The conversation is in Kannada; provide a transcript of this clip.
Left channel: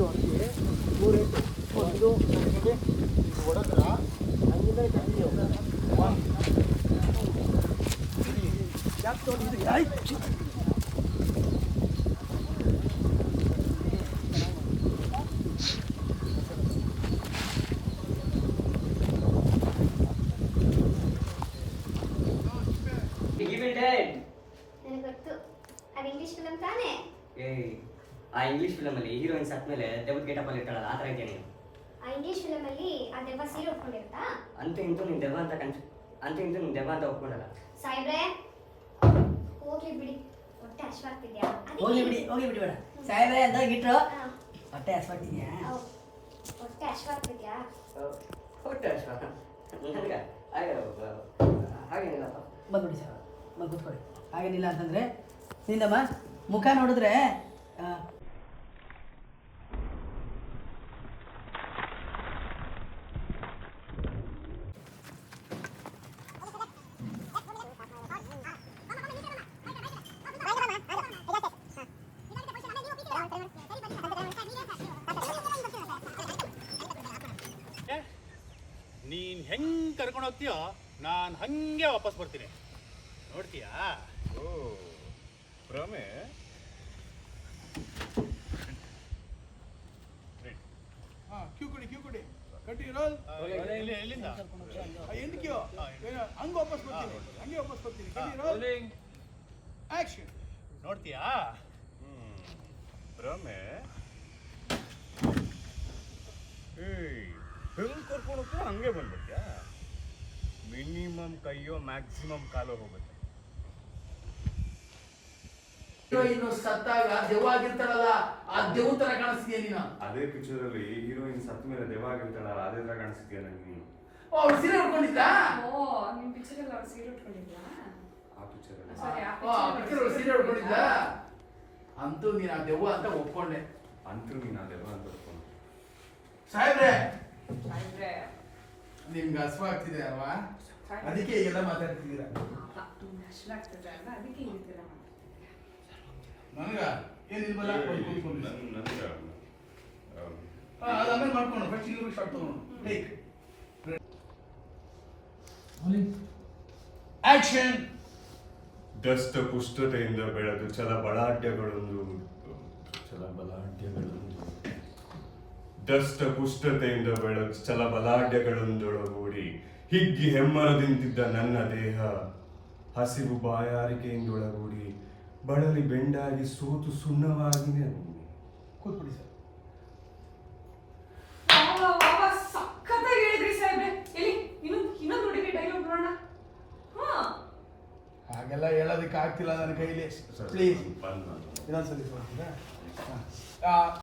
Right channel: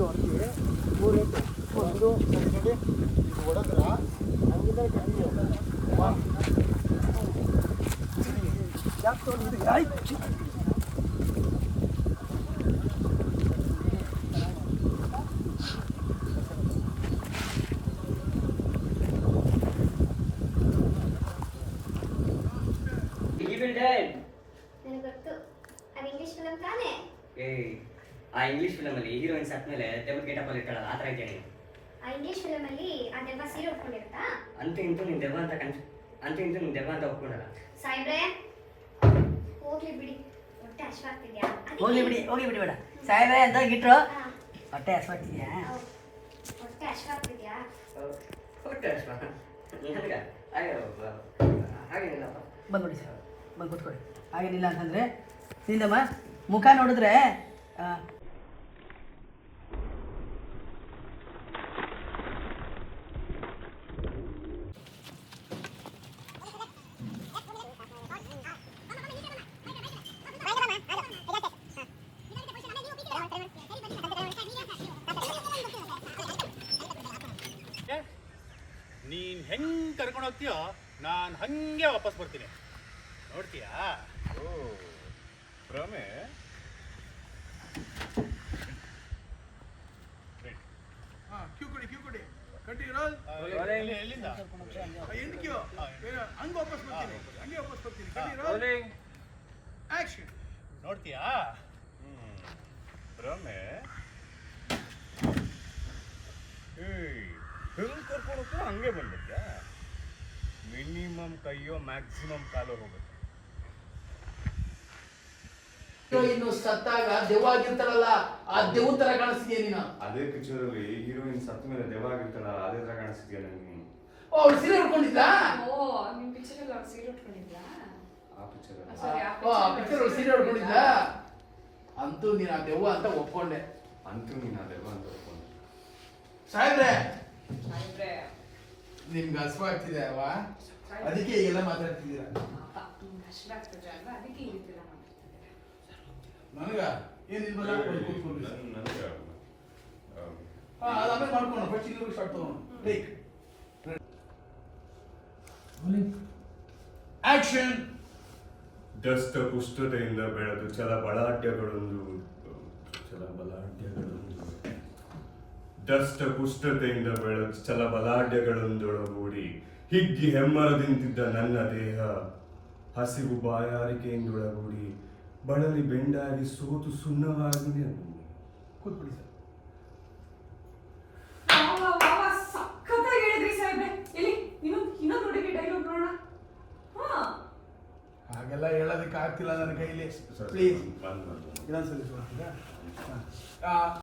ಇದು ಅಕ್ಕಿ 3 ರೇಟು ಒಂದು ನೋಡಿ ಇದು ಹೊಡೆದ್ರ ಹಂಗಿಂದ ಕಂಟಿನ್ಯೂ ಯಾಕೆ ತೊಗೊಂಡು ಇದು ಆಯ್ತು ಆ ಇಂಗ್ಲಿಷ್ ಫಿಲಮ್ ಅಲ್ಲಿ ಹೀರೋಯಿನ್ ಸತ್ ಮೇಲೆ ದೆವ್ವದ ಗೇಟಪ್ ಅಲ್ಲಿ ಇರ್ತಾಳಲ್ಲ ಆ ತರ ಇದೆಯಾ ನೀನು? ಆ ಇಂಗ್ಲಿಷ್ ಫಿಲಮ್ ಅಲ್ಲಿ ಆ ದೆವ್ವ ಸೀರೆ ಉಟ್ಕೊಂಡಿರುತ್ತಾ? ಅಂತ ಇಂತೂ ನೀನ್ ದೆವ್ವ ಅಂತ ಒಪ್ಕೊಂಡಲ್ಲ. ಸಾಯಿಬ್ರೆ ಹೋಗ್ಲಿ ಬಿಡಿ, ಹೊಟ್ಟೆ ಹಶ್ವಾಗ್ತಿದ್ಯಾ? ಹೋಗ್ಲಿ ಬಿಡಿ ಬೇಡ ಸಾಯಿಬ್ರೆ ಅಂತ ಇಟ್ರು ಹೊಟ್ಟೆ ಹಶ್ವಾಗ್ತಿದ್ಯಾ? ಹೊಟ್ಟೆ ಹಶ್ವಾಗ್ತಿದ್ಯಾ? ಹೊಟ್ಟೆ ಅಶ್ವ ಹಾಗೇನಿಲ್ಲಪ್ಪ. ಬಂದ್ಬಿಡಿ ಸರ್, ಬಂದು ಕೂತ್ಕೊಳ್ಳಿ. ಹಾಗೇನಿಲ್ಲ ಅಂತಂದರೆ ನಿಂದಮ್ಮ ಮುಖ ನೋಡಿದ್ರೆ ನೀನ್ ಹೆಂಗ್ ಕರ್ಕೊಂಡು ಹೋಗ್ತೀಯೋ ನಾನು ಹಂಗೆ ವಾಪಸ್ ಬರ್ತೀನಿ, ನೋಡ್ತೀಯಾ? ಓ ಭ್ರಮೆ. ಕ್ಯೂ ಕೊಡಿ ಕಂಟಿನ್ಯೂ ಎಲ್ಲಿಂದ ಎಂಡ್ಕ್ಯೂ ಹಂಗೆ ವಾಪಸ್ ಬರ್ತೀನಿ ಕಂಟಿನ್ಯೂ ಆಕ್ಷನ್. ನೋಡ್ತೀಯಾ? ಭ್ರಮೆ. ಹೆಂಗ್ ಕರ್ಕೊಂಡು ಹೋಗ್ತೀಯೋ ಹಂಗೆ ಬಂದ್ಬಿಡ್ತೀಯಾ? ಮಿನಿಮಮ್ ಕೈಯೋ ಮ್ಯಾಕ್ಸಿಮಮ್ ಕಾಲೋ ಹೋಗುತ್ತೆ. ಇನ್ನು ಸತ್ತಾಗ ದೆವ್ವ ಆಗಿರ್ತಾಳಲ್ಲ ಆ ದೆವ್ವ ತರ ಕಾಣಿಸ್ತೀಯ ನೀನು. ಅದೇ ಪಿಕ್ಚರ್ ಅಲ್ಲಿ ಹೀರೋಯಿನ್ ಸತ್ತ ಮೇಲೆ ದೆವ್ವ ಆಗಿರ್ತಾಳಲ್ಲ ಅದೇ ತರ ಕಾಣಿಸ್ತೀಯ ನಂಗೆ ನೀನು. ಓ ಅವ್ರು ಸೀರೆ ಉಟ್ಕೊಂಡಿದ್ದ? ನಿಮ್ ಪಿಕ್ಚರ್ ಅಲ್ಲಿ ಅವ್ರು ಸೀರೆ ಉಟ್ಕೊಂಡಿದ್ಯಾ? ಆ ಪಿಕ್ಚರ್ ಅಲ್ಲಿ ಪಿಕ್ಚರ್ ಸೀರೆ ಉಟ್ಕೊಂಡಿದ್ದ? ಅಂತೂ ನೀನು ಆ ದೆವ್ವ ಅಂತ ಒಪ್ಕೊಂಡೆ. ಅಂತೂ ನೀನು ಆ ದೆವ್ವ ಅಂತ ಒಪ್ಕೊಂಡು. ಸಾಯಿಬ್ರೆ ನಿಮ್ಗೆ ಹಸುವಾಗ್ತಿದೆ ಅಲ್ವಾ? ಅದಕ್ಕೆ ಈಗೆಲ್ಲ ಮಾತಾಡ್ತಿದ್ದೀರಾ? ಅದಕ್ಕೆ ಈ ತರ ನನಗ ಏನಿಲ್ವಲ್ಲ ನನಗೆ ಅದಾದ್ಮೇಲೆ ಮಾಡ್ಕೊಂಡು ಫಸ್ಟ್ ಇಲ್ಲಿ ಶಾರ್ಟ್ ತಗೊಂಡು ಟೇಕ್ ಆಕ್ಷನ್. ದಷ್ಟ ಪುಷ್ಟತೆಯಿಂದ ಬೆಳೆದು ದಷ್ಟ ಪುಷ್ಟತೆಯಿಂದ ಬೆಳೆದು ಛಲಬಲಾಢ್ಯಗಳೊಂದೊಳಗೂಡಿ ಹಿಗ್ಗಿ ಹೆಮ್ಮರದಿಂತಿದ್ದ ನನ್ನ ದೇಹ ಹಸಿವು ಬಾಯಾರಿಕೆಯಿಂದೊಳಗೂಡಿ ಬಳಲಿ ಬೆಂಡಾಗಿ ಸೋತು ಸುಣ್ಣವಾಗಿ ಕೂತ್ಬಿಡಿ ಸರ್. ಸಖತ್ತಾಗಿ ಹೇಳಿದ್ರಿ ಸಾಹೇಬ್ರೆ. ಎಲ್ಲಿ ಇನ್ನೊಂದು ನೋಡಿ ಡೈಲಾಗ್ ನೋಡೋಣ. ಹಾಗೆಲ್ಲ ಹೇಳೋದಕ್ಕೆ ಆಗ್ತಿಲ್ಲ ನನ್ನ ಕೈಲಿ. ಪ್ಲೀಸ್ ಬಂದು ಇನ್ನೊಂದ್ಸಲಿ